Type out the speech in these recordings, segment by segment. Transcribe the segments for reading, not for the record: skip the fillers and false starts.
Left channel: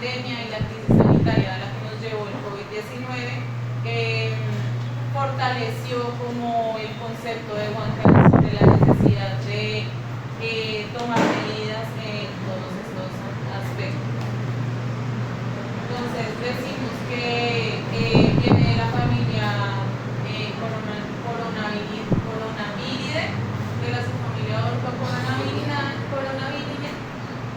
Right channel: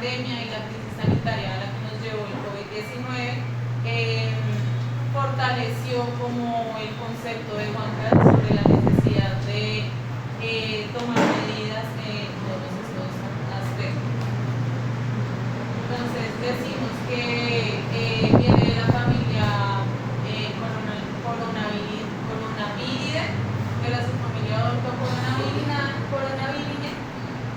pandemia y la crisis sanitaria a la que nos llevó el COVID-19 fortaleció como el concepto de Juan Carlos sobre la necesidad de tomar medidas en todos estos aspectos. Entonces decimos que viene de la familia Coronaviridae, de la subfamilia Ortocoronavirinae.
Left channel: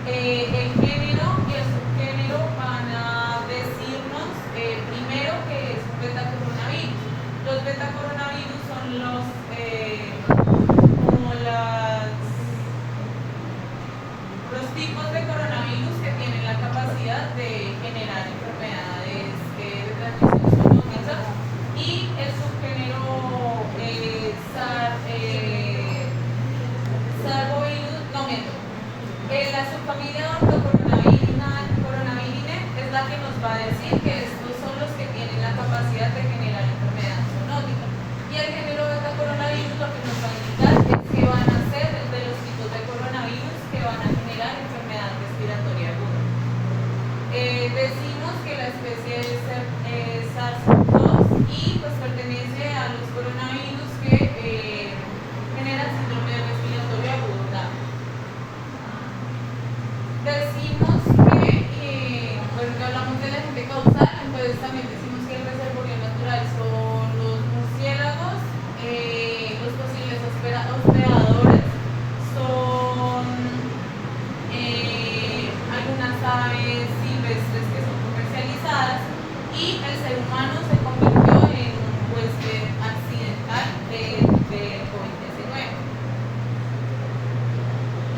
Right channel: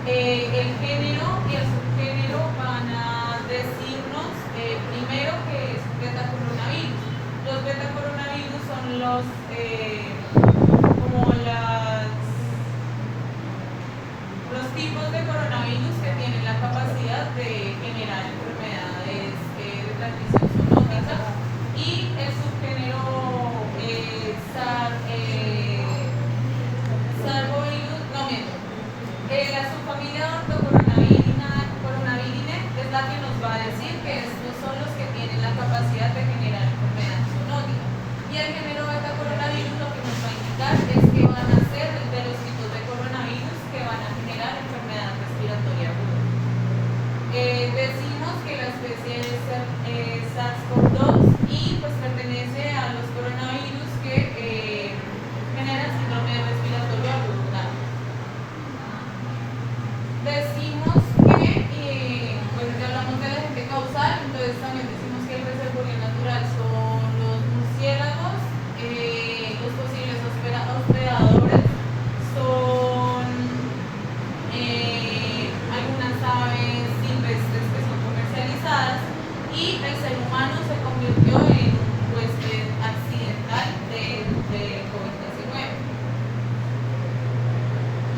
El género y el subgénero van a decirnos primero que es un betacoronavirus. Los betacoronavirus son los tipos de coronavirus que tienen la capacidad de generar enfermedades de transmisión zoonótica, y el subgénero la subfamilia Ortocoronavirinae es la que nos va a decir que estos son los que tienen la capacidad de generar enfermedades zoonóticas, y el género betacoronavirus lo que nos va a indicar es que van a ser de los tipos de coronavirus que van a generar enfermedad respiratoria aguda. Decimos que la especie es SARS-CoV-2 y pues pertenece a los coronavirus que generan síndrome respiratorio agudo. Decimos que, bueno, ya hablamos del agente causal, entonces también decimos que el reservorio natural son los murciélagos, los posibles hospedadores son algunas aves silvestres que son comercializadas, y el ser humano se convirtió en un huésped accidental de COVID-19.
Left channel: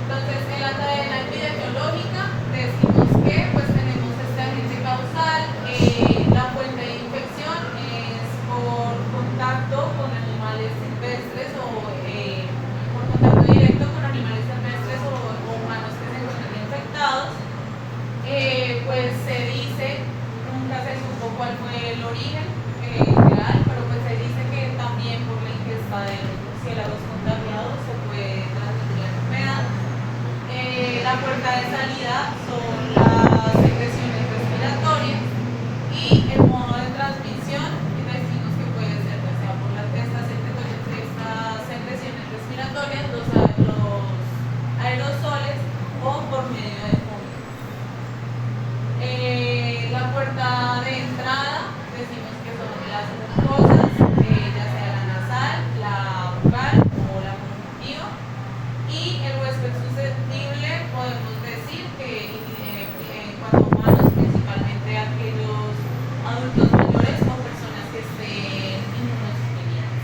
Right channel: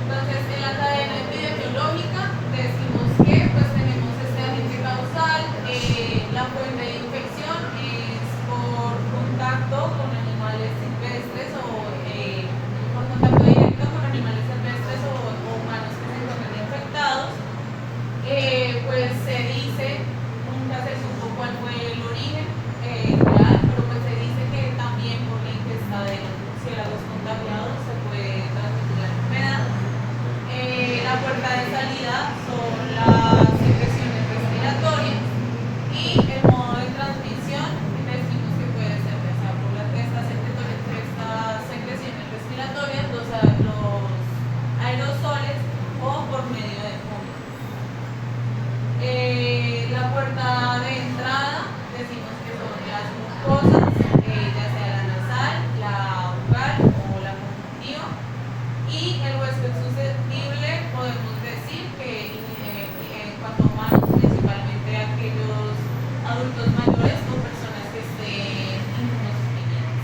Entonces, en la cadena epidemiológica decimos que pues tenemos este agente causal. La fuente de infección es por contacto con animales silvestres o por contacto directo con animales silvestres o humanos que se encuentran infectados. Pues se dice, nunca se supo cuál fue el origen real, pero pues se dice que también por la ingesta de los murciélagos contagiados se puede transmitir la enfermedad. La puerta de salida son las secreciones respiratorias, y el modo de transmisión decimos que puede ser que sea por estas secreciones respiratorias, los aerosoles, o por medio de fumos. La puerta de entrada decimos que son las mucosas, ya sea la nasal, la bucal o la conjuntiva, y el huésped susceptible podemos decir que en cuanto a humanos, principalmente aquellos adultos mayores o personas que estén inmunosuprimidas.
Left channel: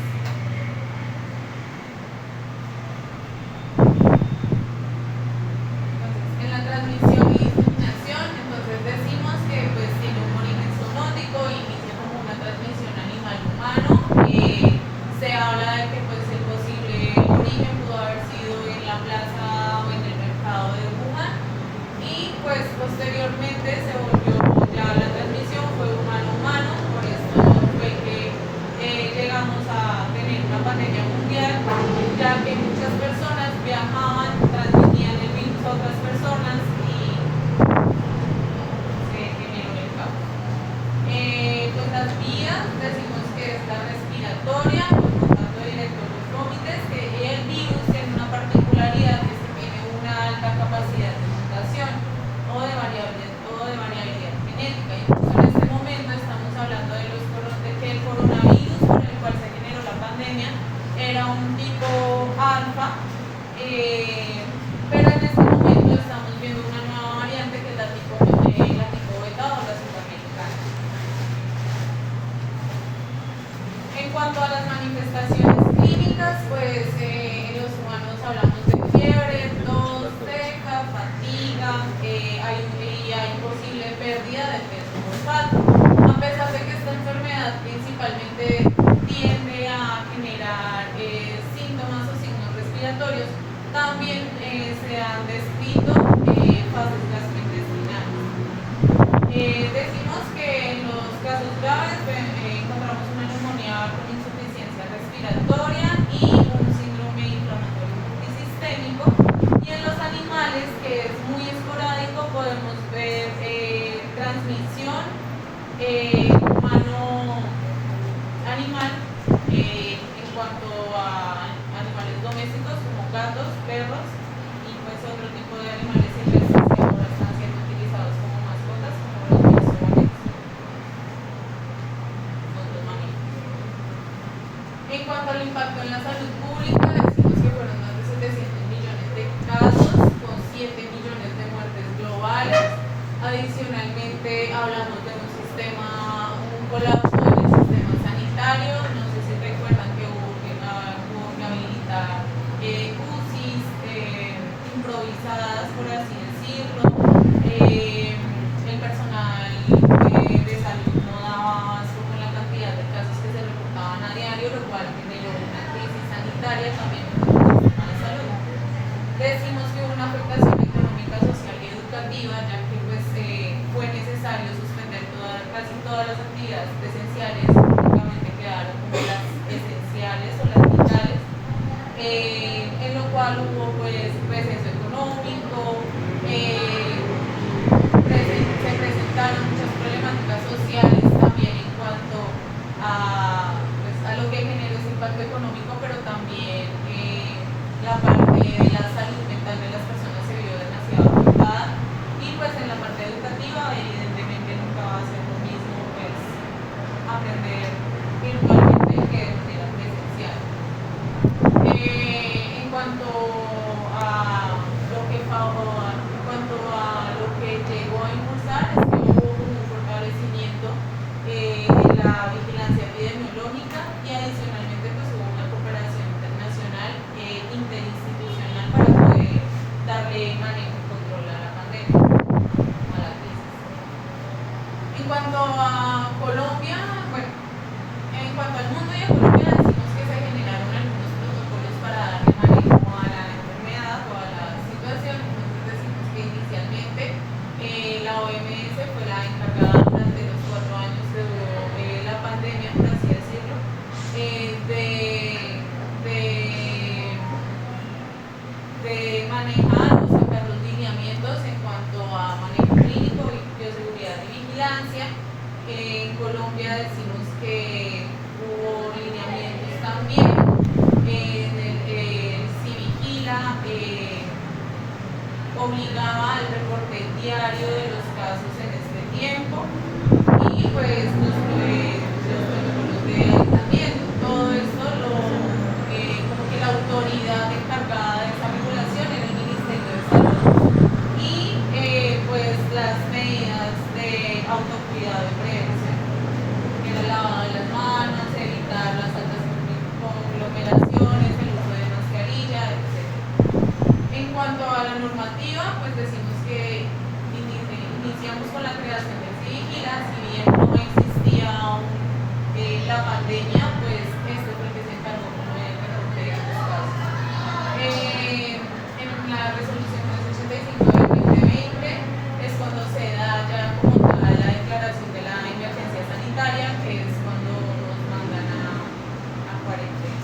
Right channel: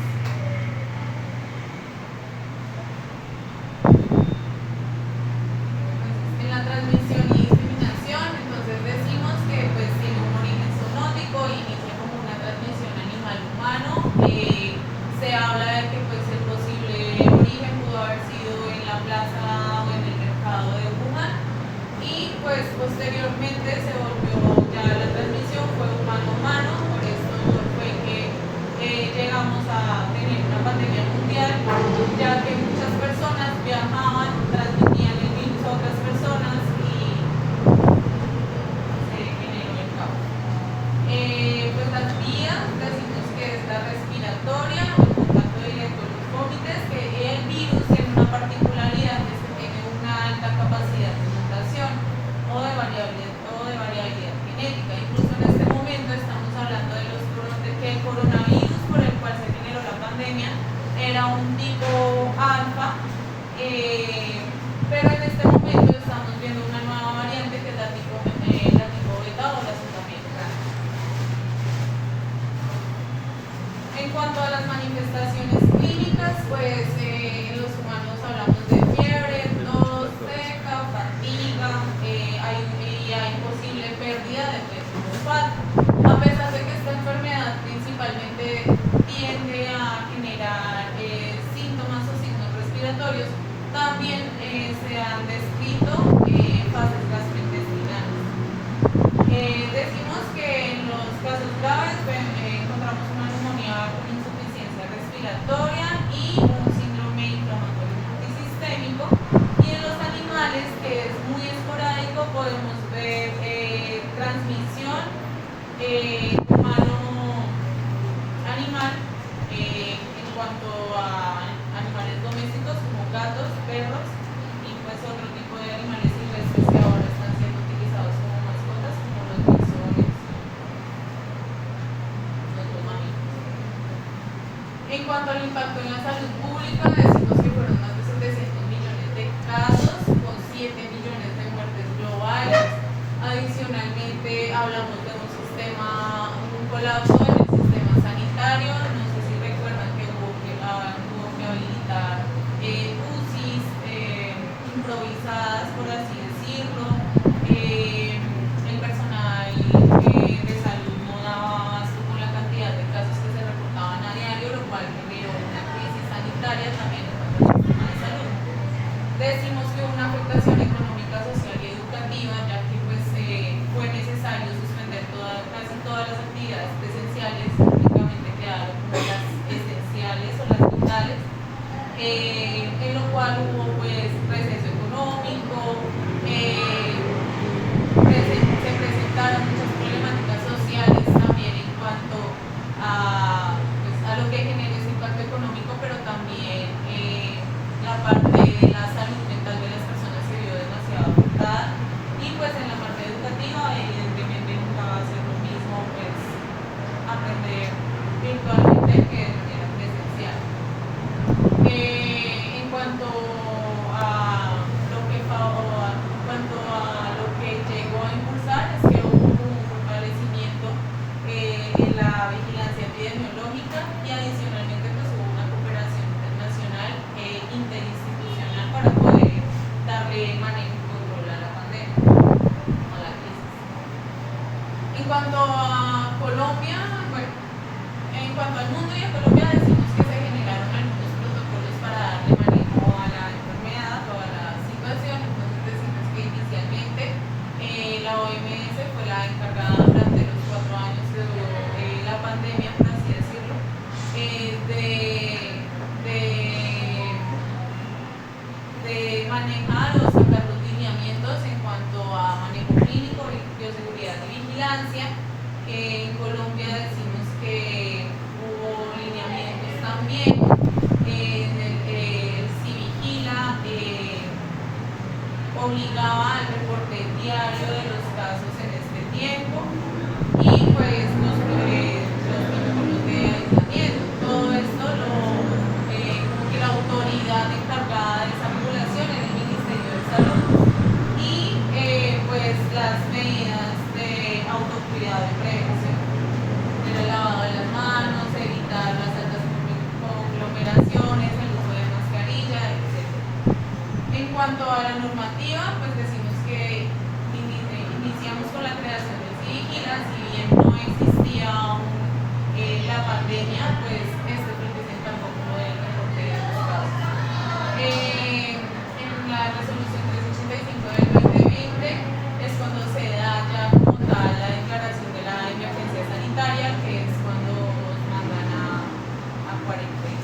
En la transmisión y diseminación, entonces decimos que pues tiene un origen zoonótico, inicia como una transmisión animal-humano. Se habla de que pues el posible origen pudo haber sido en la plaza o en el mercado de Wuhan, y pues posteriormente se volvió, ya la transmisión fue humano-humano. Por esto fue que llegamos a tener una pandemia mundial, ya que muchas personas viajaban, transmitían el virus a otras personas y se generó el caos. Pues las vías decimos que es la respiratoria, el contacto directo con los vómitos, que el virus tiene una particularidad, que es que tiene una alta capacidad de mutación o de variabilidad genética. Incluso en este momento estamos hablando de que el coronavirus por el cual se generó la pandemia era un tipo alfa, pero en este momento estamos viendo una nueva variante que es la tipo beta o la sudamericana. En cuanto a las manifestaciones clínicas, pues en los humanos hablamos de fiebre, tos seca, fatiga, hay posible pérdida de peso por falta. A pesar de que esta enfermedad principalmente tiende a generar síntomas o signos respiratorios, también se han descrito fases gastrointestinales. Decimos que en los casos graves encontramos una neumonía con insuficiencia respiratoria y un síndrome inflamatorio multisistémico, y en los animales, que es muy esporádico, podemos ver En cuanto al impacto en la salud pública, decimos que fueron más de 700 millones de casos, con 7 millones de muertes globales. Adicionalmente, hablamos de un colapso en el sistema sanitario. No sé si recuerdan que hubo que habilitar UCIs improvisadas, por así decirlo. El personal de salud no daba abasto con la cantidad de casos que se reportaban a diario, lo cual generó una crisis sanitaria también en nuestro sistema de salud. Decimos que hubo una afectación económica, social y educativa, ya que pues, fue necesario suspender casi todas las actividades presenciales, únicamente quedaron como las esenciales o las vitales, en lo cual hubo pues receso económico, se presentaron muchas problemáticas sociales también en cuanto pues, a lo que genera ese impacto económico, pero también la parte de la salud mental de las personas se vio demasiado afectada. Y pues en la parte educativa, evidentemente nunca va a ser lo mismo pues, aprender virtualmente que de manera presencial. En cuanto a lo que llegó a impulsar es que hubo un fortalecimiento en la vigilancia epidemiológica y adicionalmente pues hubo una cooperación internacional e interinstitucional para poder darle manejo y control a la pandemia, a la crisis. En cuanto a Colombia, bueno, en cuanto al mundo y a Colombia decimos que se generaron algunos protocolos para darle manejo a la enfermedad o a la situación. Entonces decimos que inicialmente la OMS fue la encargada durante los 4 años que duró la pandemia, por así decirlo, de manejar o sacar los lineamientos en cuanto a manejo clínico, bioseguridad y vigilancia. En Colombia decimos que hubo lineamientos también, si vigila, obligaba al reporte diario de los casos en este tiempo y pues los protocolos de aislamiento. Todo esto como que la autoridad encargada de esa regulación era el Ministerio de Salud y pues las medidas de autocuidado y prevención. El lavado de las manos, evitar las altas conglomeraciones, el uso de mascarilla, etc. En cuanto a la normativa, pues decimos que iniciamos con la creación de Civigila, si bien no existía aún la pandemia, pues este fue el que se encargó como del reporte de los casos. En la resolución 385 del 2020 es cuando se da ya como tal la declaración de la emergencia sanitaria, que es cuando nos mandan a cuarentena.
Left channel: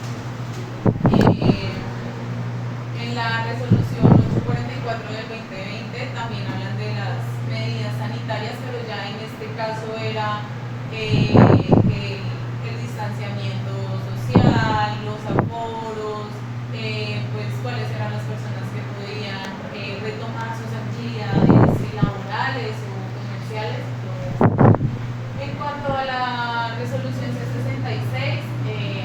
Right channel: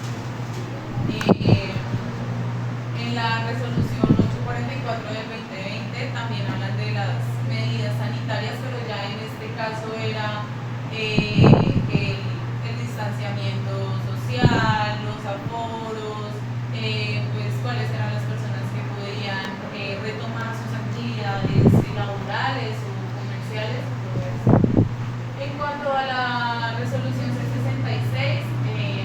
En la resolución 844 del 2020 también hablan de las medidas sanitarias, pero ya en este caso era el distanciamiento social, los aforos, pues cuáles eran las personas que podían retomar sus actividades laborales o comerciales, todo eso. En cuanto a la resolución C66,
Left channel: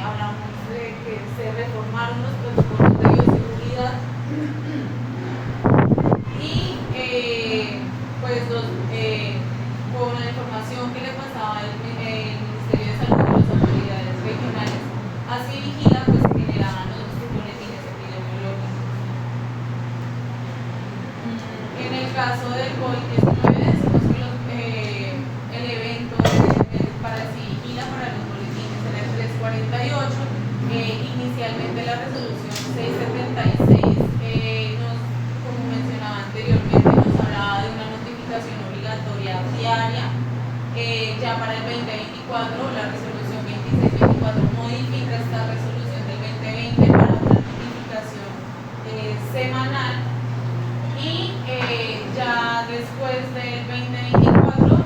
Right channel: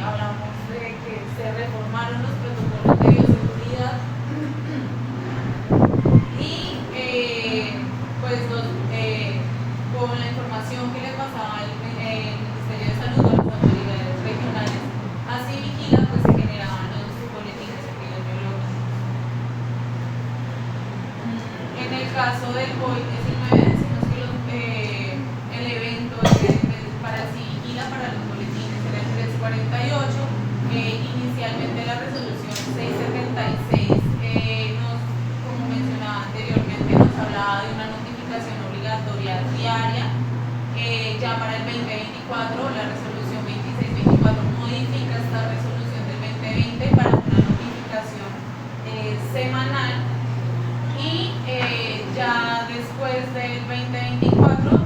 hablamos de que se reformaron los protocolos de bioseguridad y pues con la información que le pasaba el Ministerio de Salud a las autoridades regionales, así vigila, pues se generaban los boletines epidemiológicos. En el caso del COVID-19 decimos que el evento para el Civigila, para los boletines era el 348. Inicialmente la resolución 676 como mencionaba anteriormente, nos hablaba de una notificación obligatoria diaria. Ya para el 2024 la resolución 2624 modifica esta resolución del 2020 para una notificación semanal y ya después del 2024